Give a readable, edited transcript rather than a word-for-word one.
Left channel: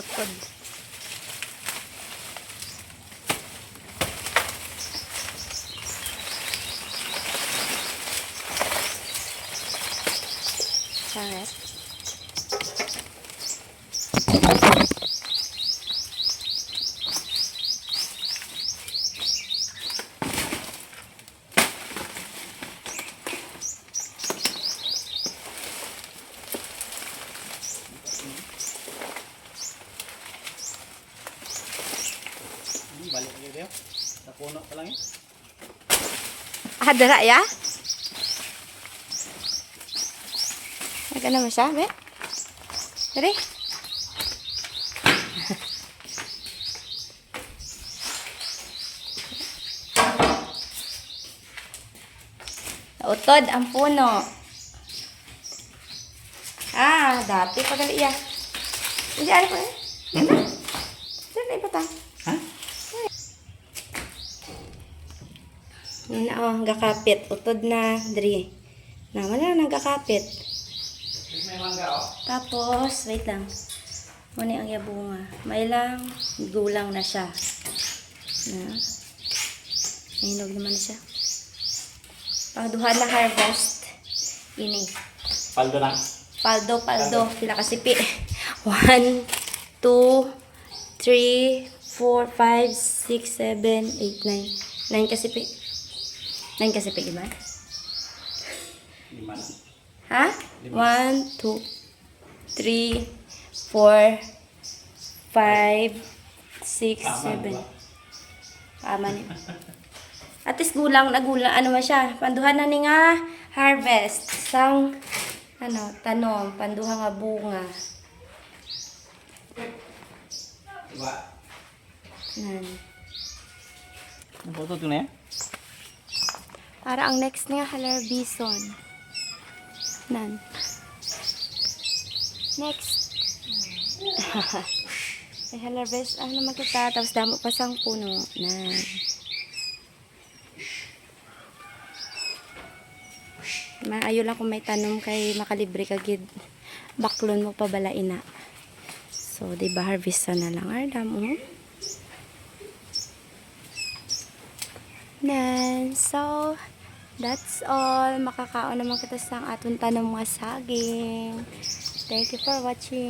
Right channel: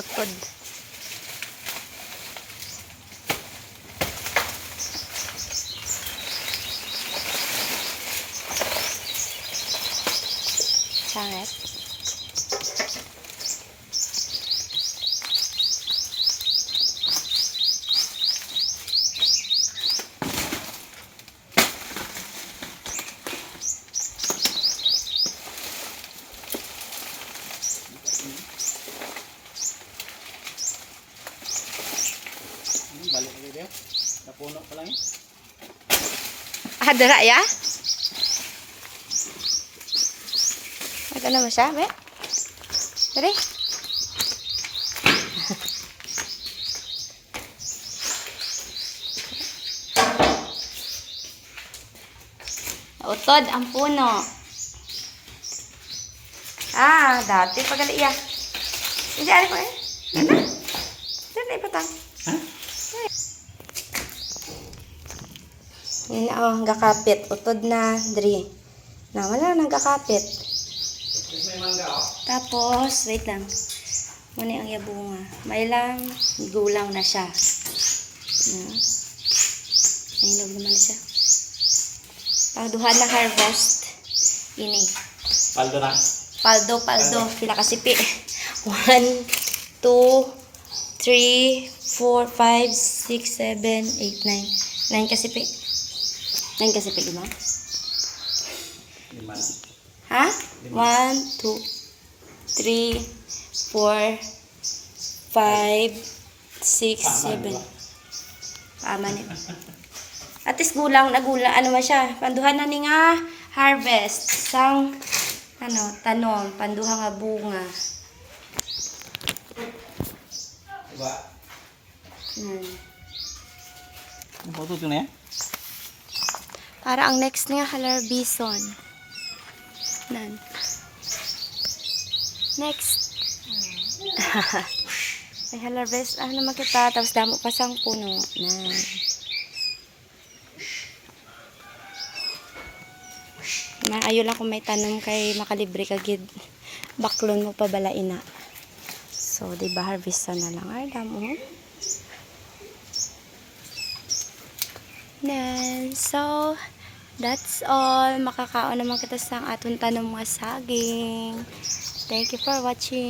utod. Sangit. Balik lagi dia. Napuno pa lang eh. Dara ya? Ano mo siya, be? Dali. Utod ang puno. Dati pagali iya. Hindi ari ko eh. Dali pa ta. Ha? Yan na gakapit. Utod na diri. Na wala nang gakapit. May mangga oh. Tapos, wait lang. Muna ang yabunga. May lang, gulang na siya. Nahinog naman na siya. Pangduhan na harvest. Ini. Paldo na. Paldo. Pila kasipi. 1, 2, 3, 4, 5, 6, 7, 8, 9. 9 kasipi. 9 kasipi, di ba? 5 na. Ha? 1, 2, 3, 4, 5, 6, 7. Tama ni. At least gulang na gulang. Ano man siya? Panduhan na ni nga harvest. Sang, tanom. Panduha nga bunga. Diba? Yan. Foto tu na yan? Para ang next niya, halar bison. Nan. Next. May harvest. Naman kita. Tapos damo pa sang puno. Nan. Maayo lang kung may tanom kay makalibre ka gid. Baklon mo pa balain na. So, di ba harvest na lang. Ay, damo. Nan. So, that's all. Makakaon naman kita sa atong tanom nga saging. Thank you for watching.